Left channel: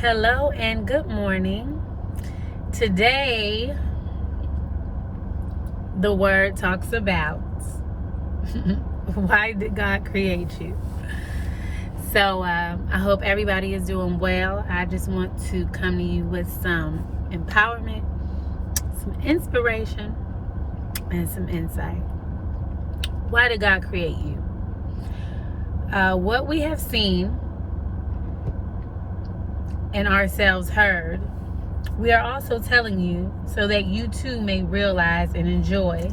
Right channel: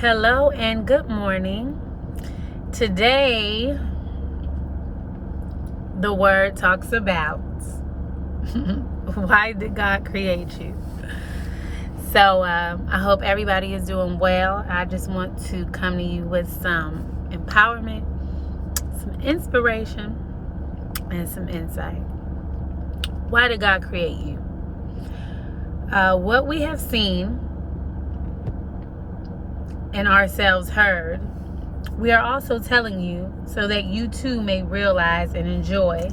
Hello and good morning. Today, the word talks about why did God create you? So, I hope everybody is doing well. I just want to come to you with some empowerment, some inspiration, and some insight. Why did God create you? What we have seen and ourselves heard, we are also telling you so that you too may realize and enjoy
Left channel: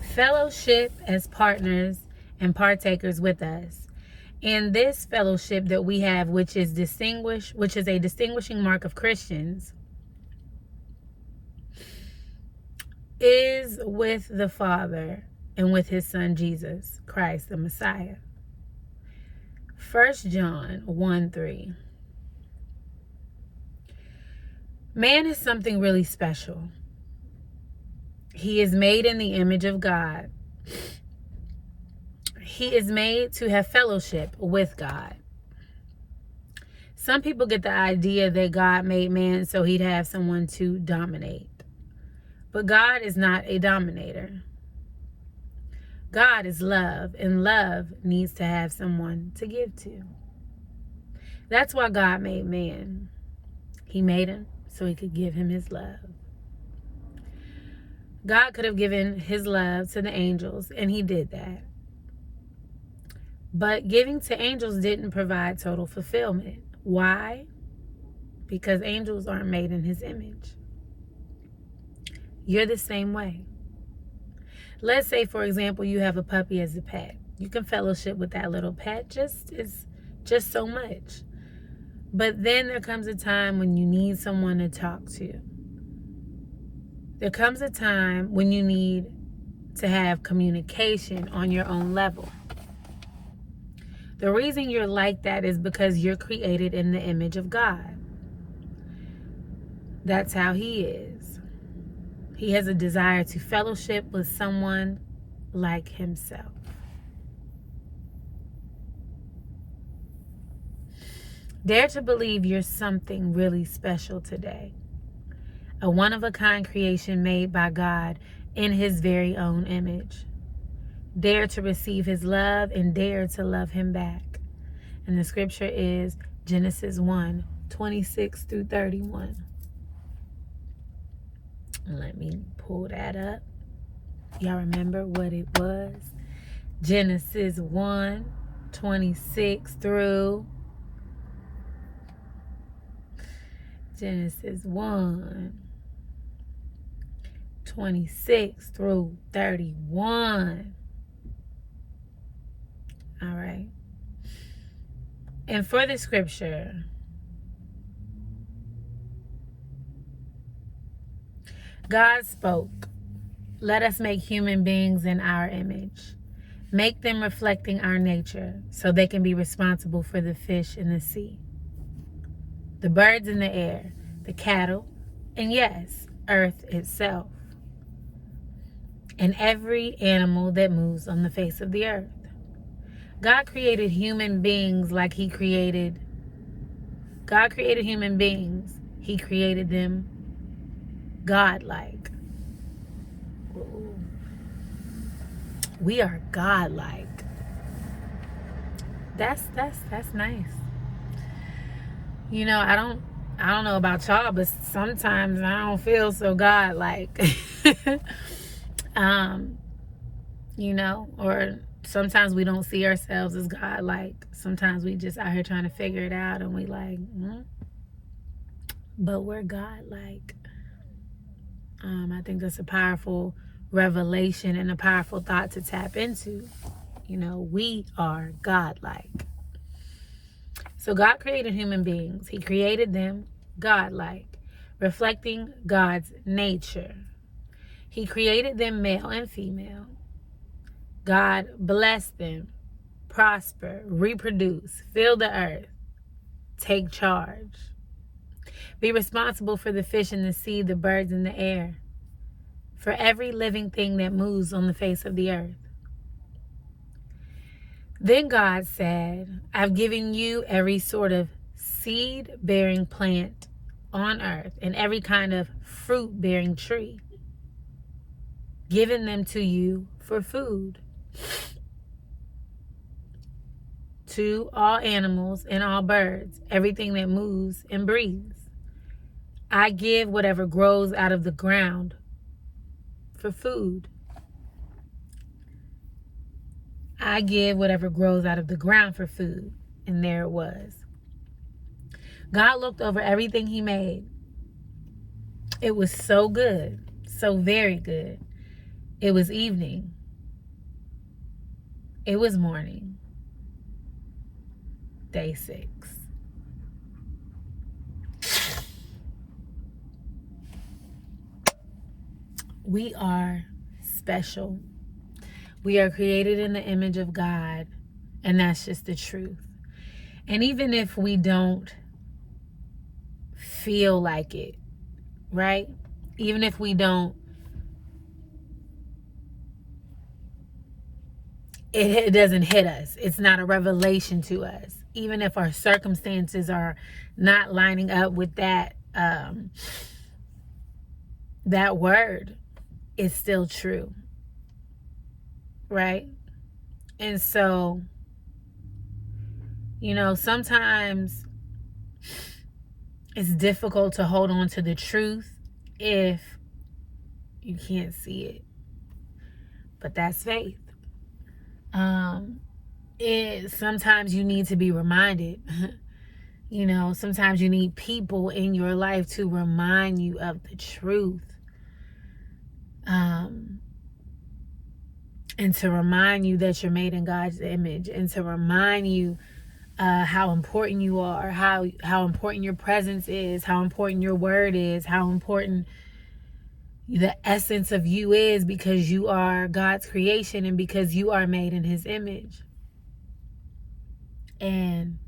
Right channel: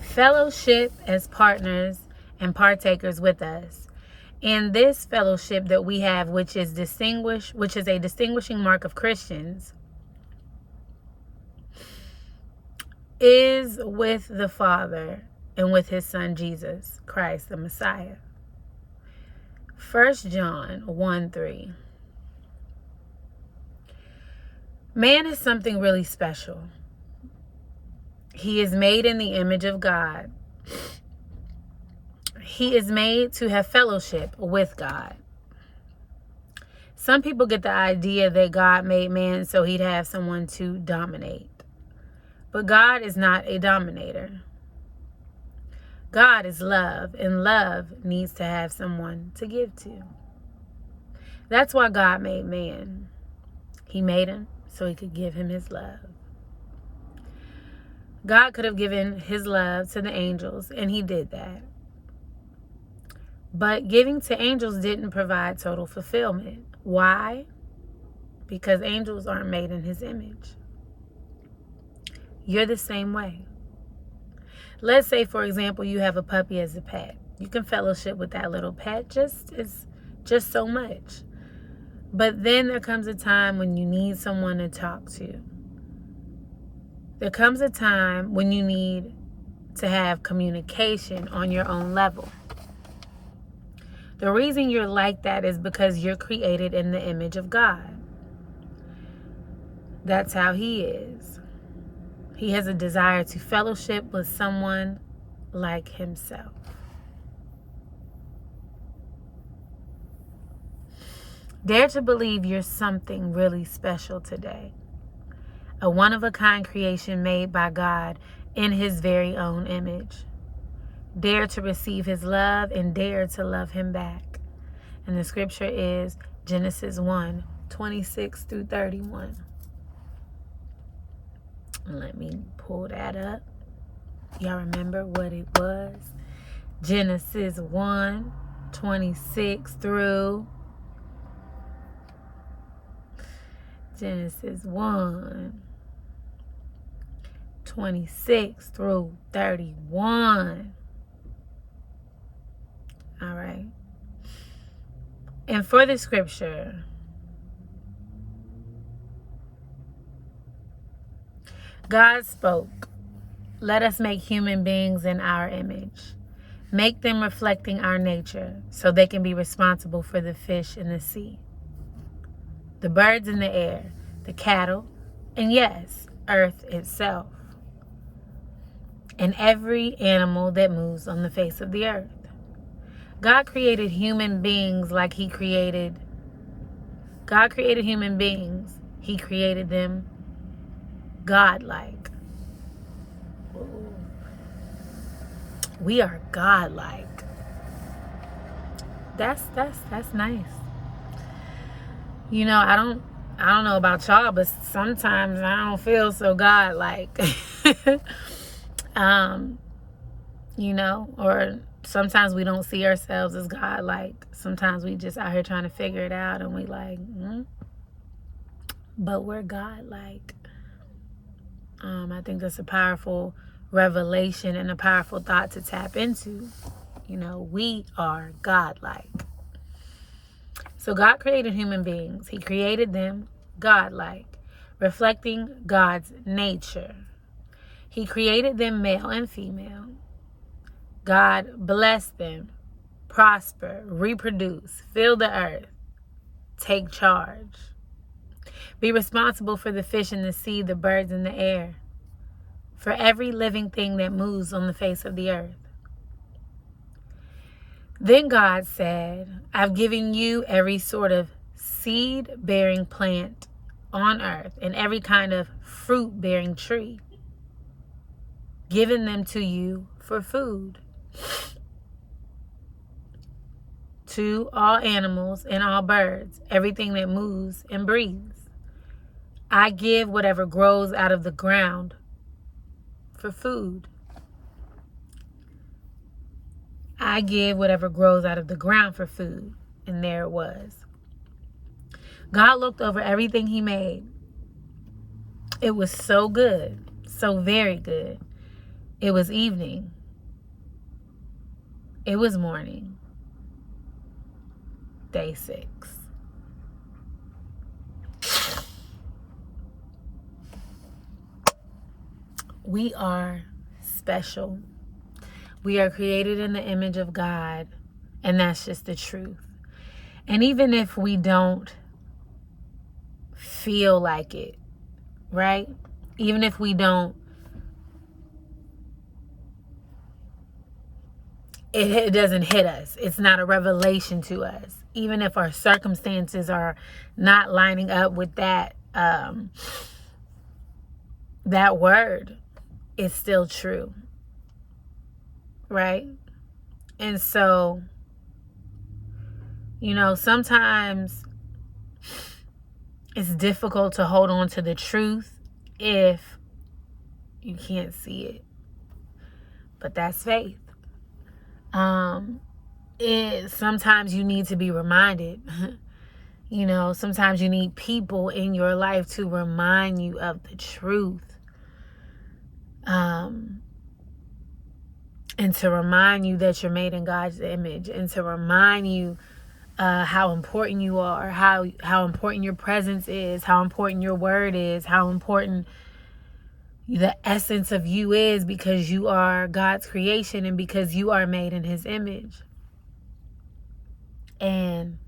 fellowship as partners and partakers with us. In this fellowship that we have, which is a distinguishing mark of Christians, is with the Father and with his Son Jesus Christ, the Messiah. 1 John 1:3. Man is something really special. He is made in the image of God. He is made to have fellowship with God. Some people get the idea that God made man so he'd have someone to dominate. But God is not a dominator. God is love, and love needs to have someone to give to. That's why God made man. He made him so he could give him his love. God could have given his love to the angels, and he did that. But giving to angels didn't provide total fulfillment. Why? Because angels aren't made in his image. You're the same way. Let's say, for example, you have a puppy as a pet. You can fellowship with that little pet just so much. But then there comes a time when you need someone to talk to. There comes a time when you need to have communication on your own level. The reason you're like that is because you're created in the image of God. That's how he is. He has a desire to fellowship with someone like himself. Dare to believe you're something really special today. A one-of-a-kind creation made by God in his very own image. Dare to receive his love and dare to love him back. And the scripture is Genesis 1:26 through 31. Let me pull that up. Y'all remember what it was? Genesis 1:26 through Genesis 1:26 through 31. All right. And for the scripture, God spoke, "Let us make human beings in our image. Make them reflecting our nature so they can be responsible for the fish in the sea, the birds in the air, the cattle, and yes, earth itself, and every animal that moves on the face of the earth." God created human beings like he created. God created human beings. He created them God-like. We are God-like. That's nice. You know, I don't know about y'all, but sometimes I don't feel so God-like. Or sometimes we don't see ourselves as God-like. Sometimes we just out here trying to figure it out and we like, but we're God-like. I think that's a powerful revelation and a powerful thought to tap into. We are God-like. So God created human beings. He created them God-like, reflecting God's nature. He created them male and female. God blessed them, prosper, reproduce, fill the earth, take charge. Be responsible for the fish in the sea, the birds in the air, for every living thing that moves on the face of the earth. Then God said, "I've given you every sort of seed-bearing plant on earth and every kind of fruit-bearing tree, giving them to you for food. To all animals and all birds, everything that moves and breathes. I give whatever grows out of the ground for food. I give whatever grows out of the ground for food. And there it was. God looked over everything he made. It was so good, so very good. It was evening. It was morning. Day 6. We are special. We are created in the image of God, and that's just the truth. And even if we don't feel like it, right? Even if we don't, it doesn't hit us. It's not a revelation to us. Even if our circumstances are not lining up with that that word, it's still true. Right? And so, sometimes it's difficult to hold on to the truth if you can't see it. But that's faith. Sometimes you need to be reminded. Sometimes you need people in your life to remind you of the truth. And to remind you that you're made in God's image, and to remind you how important you are, how important your presence is, how important your word is, how important the essence of you is, because you are God's creation and because you are made in his image. And,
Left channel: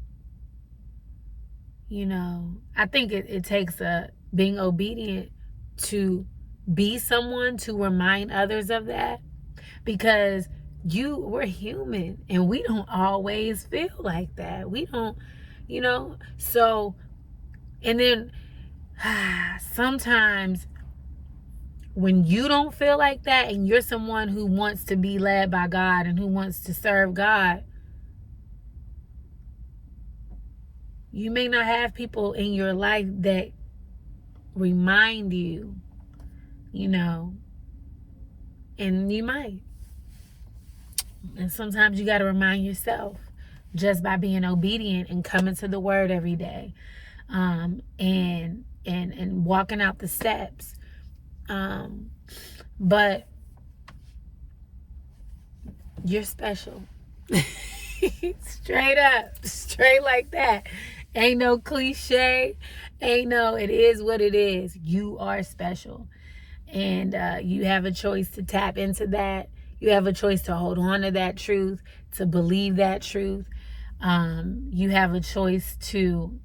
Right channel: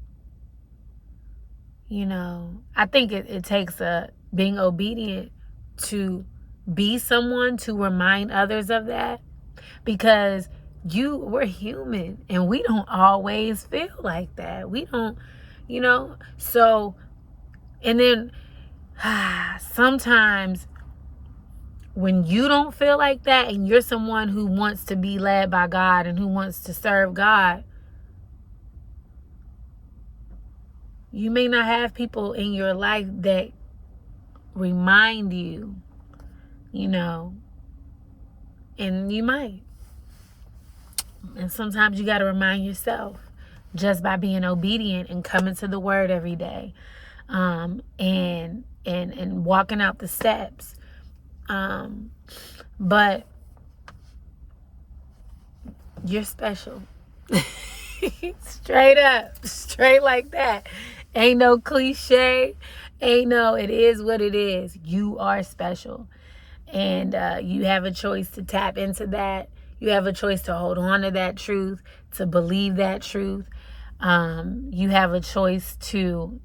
I think it takes being obedient to be someone to remind others of that, because we're human and we don't always feel like that. We don't, so, and then sometimes when you don't feel like that and you're someone who wants to be led by God and who wants to serve God, you may not have people in your life that remind you, and you might. And sometimes you got to remind yourself just by being obedient and coming to the word every day, and walking out the steps. But you're special. Straight up, straight like that. Ain't no cliche. It is what it is. You are special. And you have a choice to tap into that. You have a choice to hold on to that truth, to believe that truth. You have a choice to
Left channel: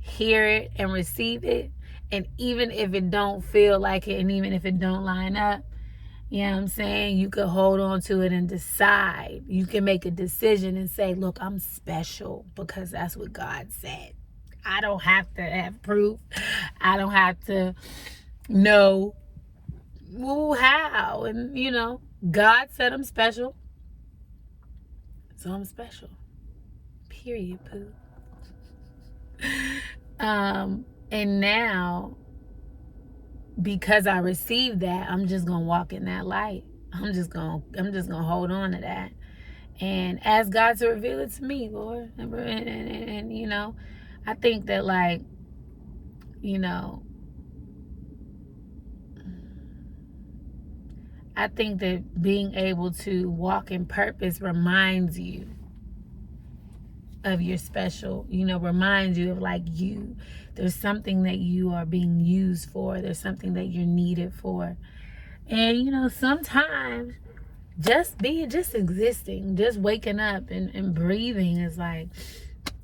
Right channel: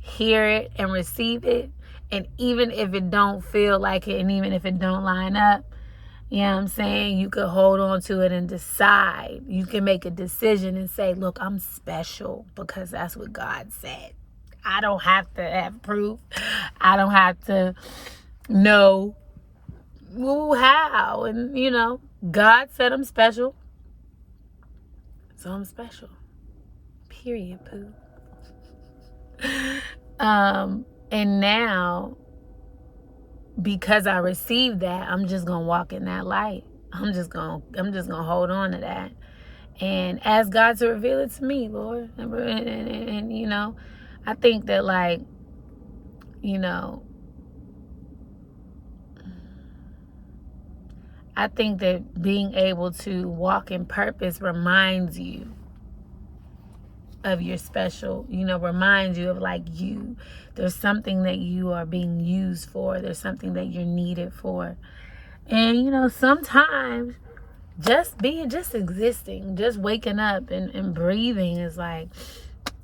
hear it and receive it. And even if it don't feel like it, and even if it don't line up, you know what I'm saying? You could hold on to it and decide. You can make a decision and say, look, I'm special because that's what God said. I don't have to have proof. I don't have to know how. And, God said I'm special. So I'm special. Period, poo. And now, because I received that, I'm just gonna walk in that light. I'm just gonna hold on to that and ask God to reveal it to me, Lord. And I think that, I think that being able to walk in purpose reminds you of your special, reminds you of you. There's something that you are being used for. There's something that you're needed for. And, sometimes just existing, just waking up and breathing is like,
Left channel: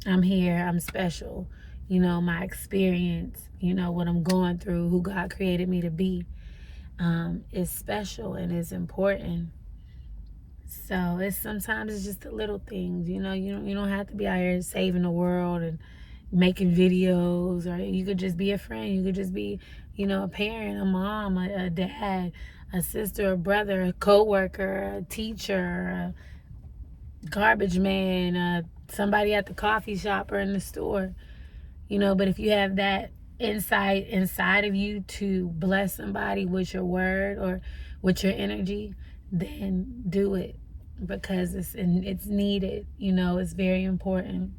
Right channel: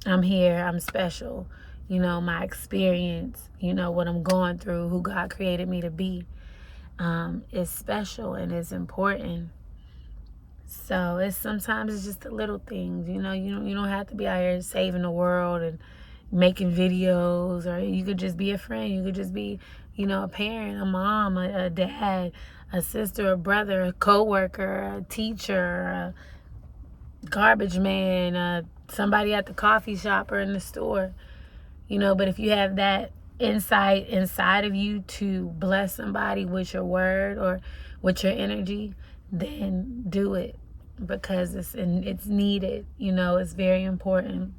I'm here, I'm special. My experience, what I'm going through, who God created me to be, is special and is important. So sometimes it's just the little things, you know. You don't have to be out here saving the world and making videos, or you could just be a friend. You could just be, you know, a parent, a mom, a dad, a sister, a brother, a coworker, a teacher, a garbage man, somebody at the coffee shop or in the store, you know. But if you have that insight inside of you to bless somebody with your word or with your energy, then do it, because it's needed, you know. It's very important.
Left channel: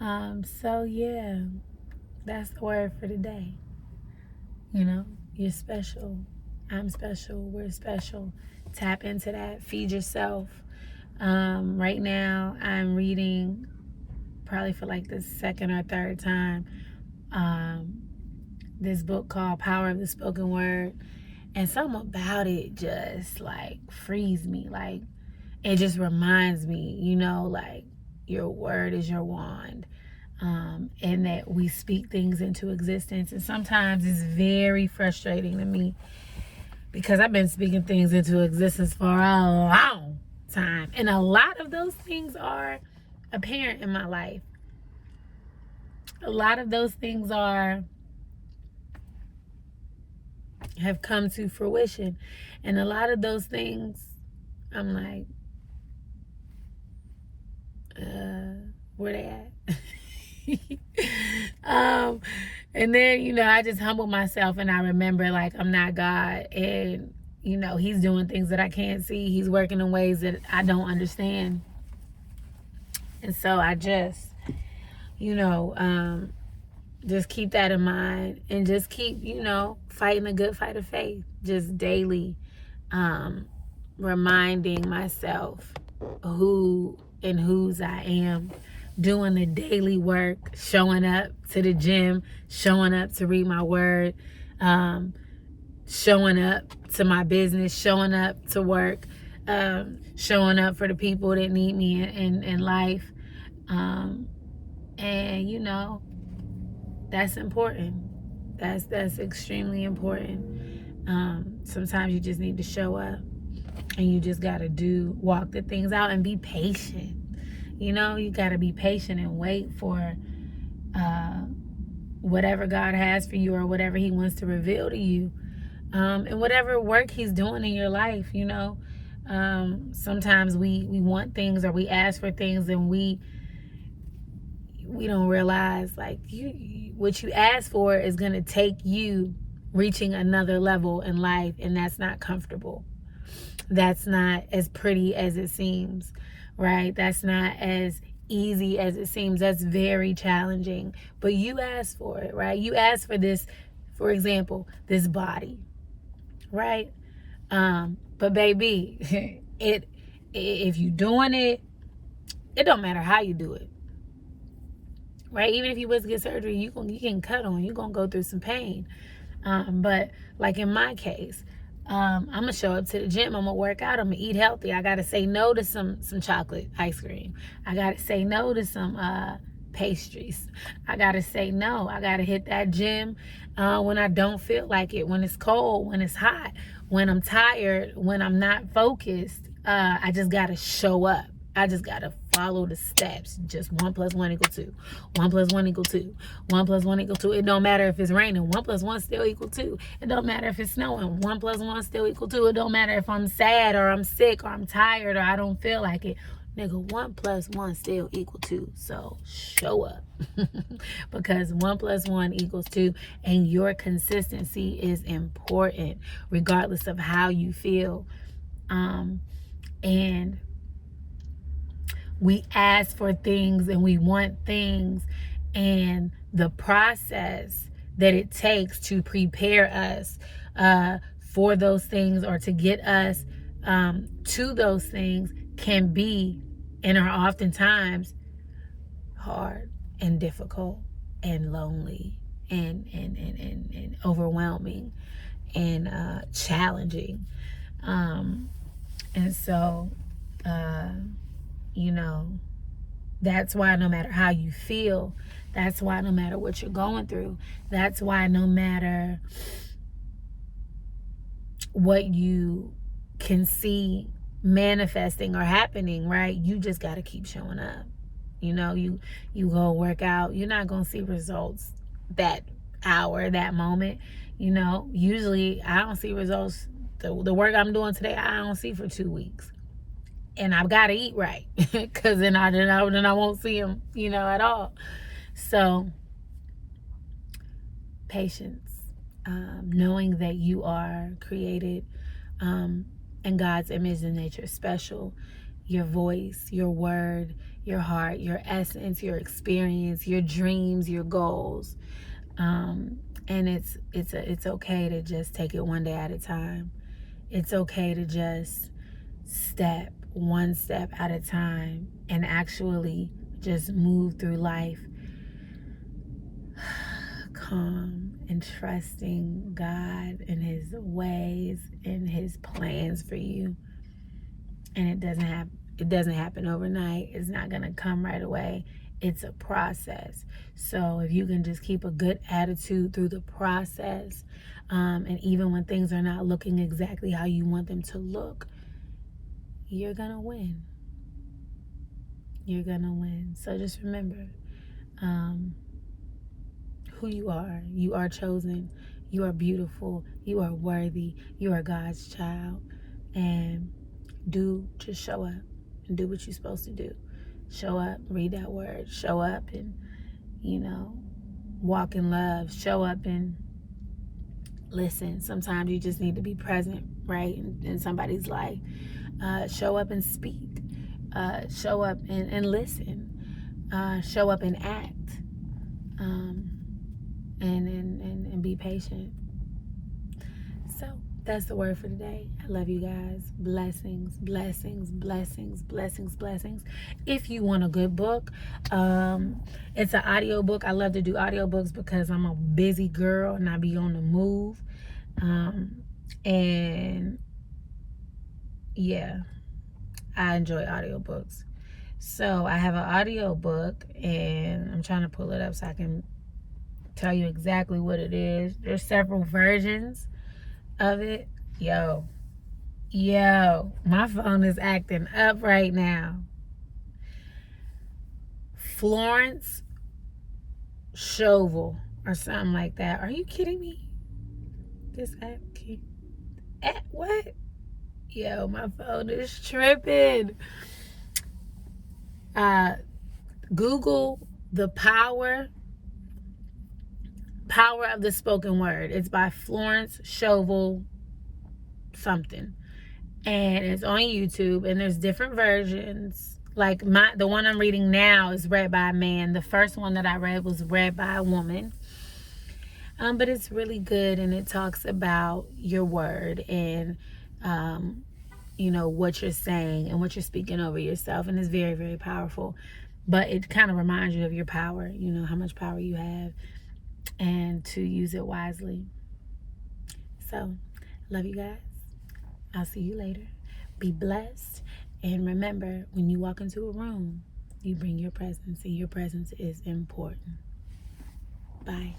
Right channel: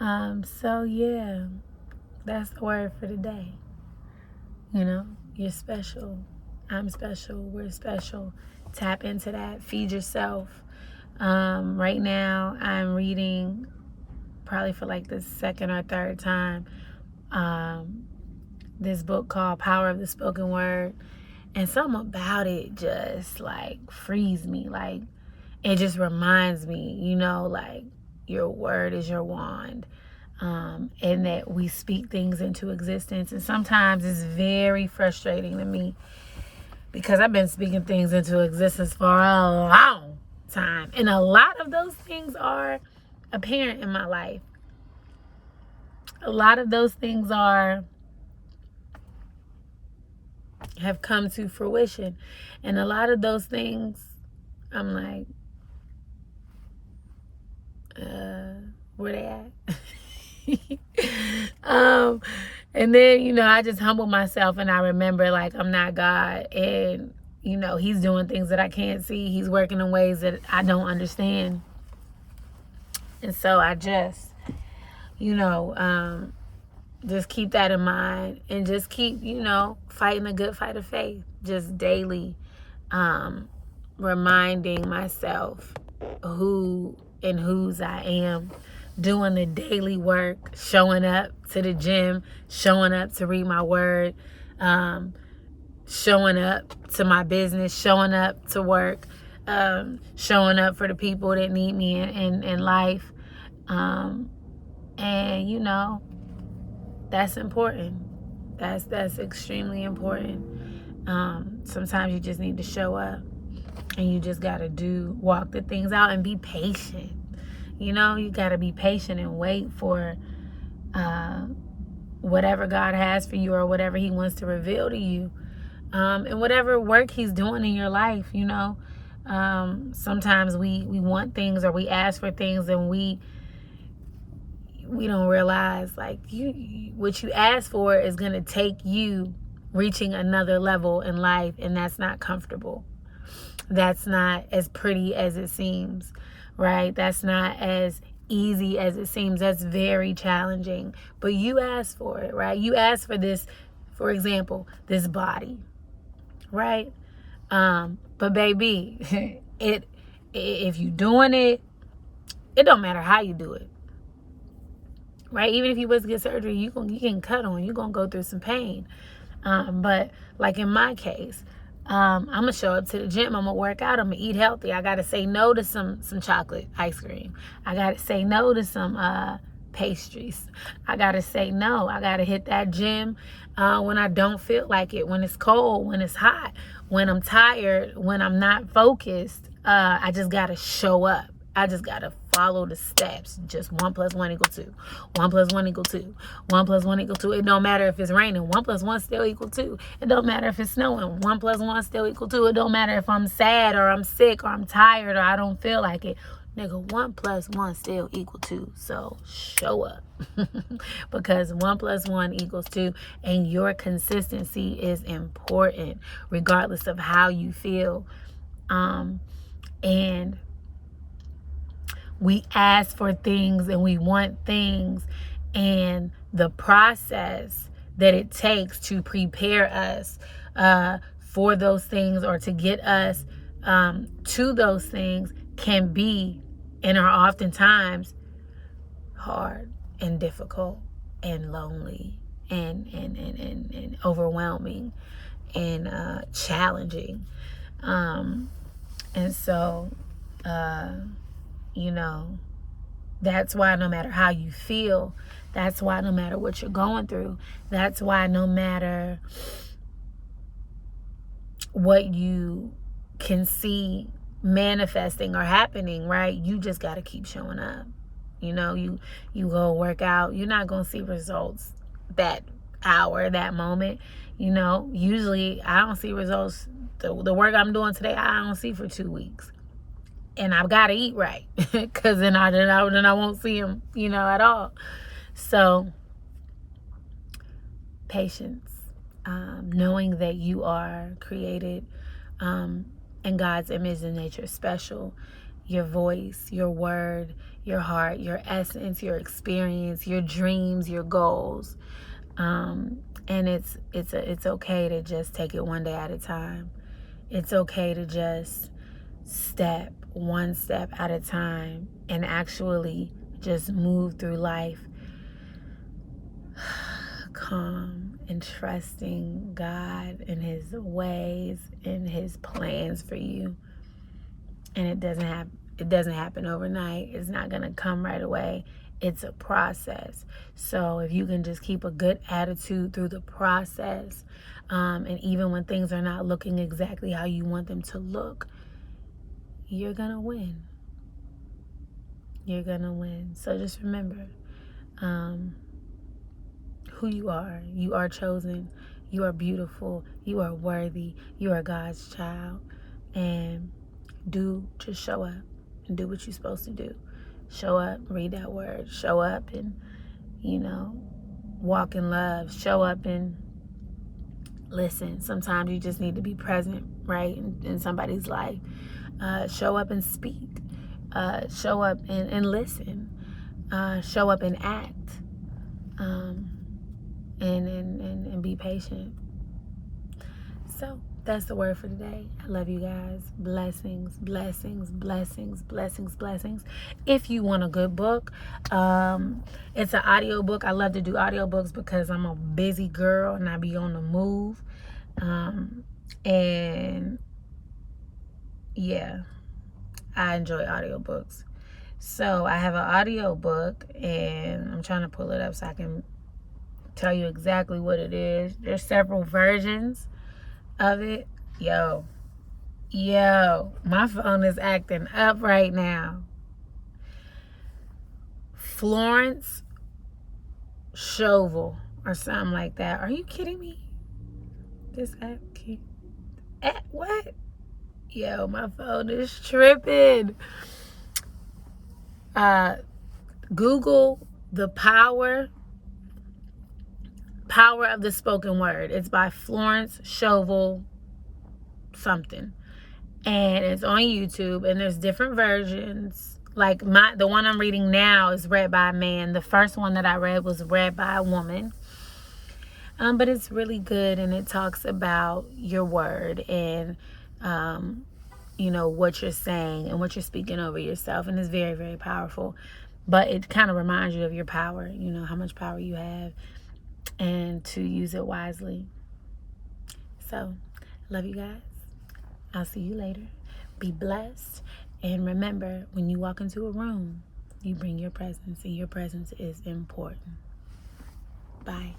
So yeah, that's the word for today. You know, you're special. I'm special. We're special. Tap into that. Feed yourself. Right now, I'm reading, probably for like the second or third time, this book called Power of the Spoken Word. And something about it just like frees me. Like, it just reminds me, you know, like, your word is your wand. And that we speak things into existence. And sometimes it's very frustrating to me, because I've been speaking things into existence for a long time. And a lot of those things are apparent in my life. A lot of those things have come to fruition. And a lot of those things, I'm like, where they at? And then, you know, I just humble myself, and I remember, like, I'm not God, and, you know, he's doing things that I can't see. He's working in ways that I don't understand. And so I just, you know, just keep that in mind, and just keep, you know, fighting a good fight of faith, just daily, reminding myself who and whose I am, doing the daily work, showing up to the gym, showing up to read my word, showing up to my business, showing up to work, showing up for the people that need me in life. And, you know, that's important. That's extremely important. Sometimes you just need to show up, and you just got to walk the things out and be patient. You know, you got to be patient and wait for whatever God has for you, or whatever he wants to reveal to you, and whatever work he's doing in your life, you know. Sometimes we want things, or we ask for things, and we don't realize, like, what you ask for is going to take you reaching another level in life, and that's not comfortable. That's not as pretty as it seems, right? That's not as easy as it seems. That's very challenging. But you asked for it, right? You asked for this, for example, this body, right? But baby, if you doing it, it don't matter how you do it, right? Even if you was to get surgery, you can cut on, you're gonna go through some pain. But like in my case, I'm gonna show up to the gym, I'm gonna work out, I'm gonna eat healthy. I gotta say no to some chocolate ice cream. I gotta say no to some pastries. I gotta say no. I gotta hit that gym when I don't feel like it, when it's cold, when it's hot, when I'm tired, when I'm not focused. I just gotta show up. I just gotta follow the steps. Just 1 + 1 = 2. 1 + 1 = 2. 1 + 1 = 2. It don't matter if it's raining. 1 + 1 still = 2. It don't matter if it's snowing. 1 + 1 still = 2. It don't matter if I'm sad, or I'm sick, or I'm tired, or I don't feel like it. Nigga, 1 + 1 still = 2. So show up. Because 1 + 1 = 2. And your consistency is important, regardless of how you feel. And we ask for things, and we want things, and the process that it takes to prepare us for those things, or to get us to those things, can be, and are oftentimes, hard and difficult and lonely and overwhelming and challenging. And so you know, that's why no matter how you feel, that's why no matter what you're going through, that's why no matter what you can see manifesting or happening, right? You just got to keep showing up. You know, you go work out, you're not going to see results that hour, that moment. You know, usually I don't see results. The work I'm doing today, I don't see for 2 weeks. And I've got to eat right, because then I won't see them, you know, at all. So, patience, knowing that you are created in God's image and nature, special. Your voice, your word, your heart, your essence, your experience, your dreams, your goals. And it's okay to just take it one day at a time. It's okay to just step one step at a time and actually just move through life calm and trusting God and his ways and his plans for you. And it doesn't happen overnight. It's not going to come right away. It's a process. So if you can just keep a good attitude through the process, and even when things are not looking exactly how you want them to look, you're going to win. You're going to win. So just remember who you are. You are chosen. You are beautiful. You are worthy. You are God's child. And just show up and do what you're supposed to do. Show up, read that word. Show up and, walk in love. Show up and listen. Sometimes you just need to be present, right, in somebody's life. Show up and speak. Show up and listen. Show up and act. And be patient. So that's the word for today. I love you guys. Blessings, blessings, blessings, blessings, blessings. If you want a good book, it's an audio book. I love to do audiobooks because I'm a busy girl and I be on the move. And yeah, I enjoy audiobooks. So I have an audiobook and I'm trying to pull it up so I can tell you exactly what it is. There's several versions of it. Yo, my phone is acting up right now. Florence Scovel or something like that. Are you kidding me? This app what? Yo, my phone is tripping. Google The Power of the Spoken Word. It's by Florence Scovel something. And it's on YouTube, and there's different versions. Like the one I'm reading now is read by a man. The first one that I read was read by a woman. But it's really good, and it talks about your word and what you're saying and what you're speaking over yourself, and it's very, very powerful. But it kind of reminds you of your power, how much power you have, and to use it wisely. So, love you guys. I'll see you later. Be blessed. And remember, when you walk into a room, you bring your presence, and your presence is important. Bye.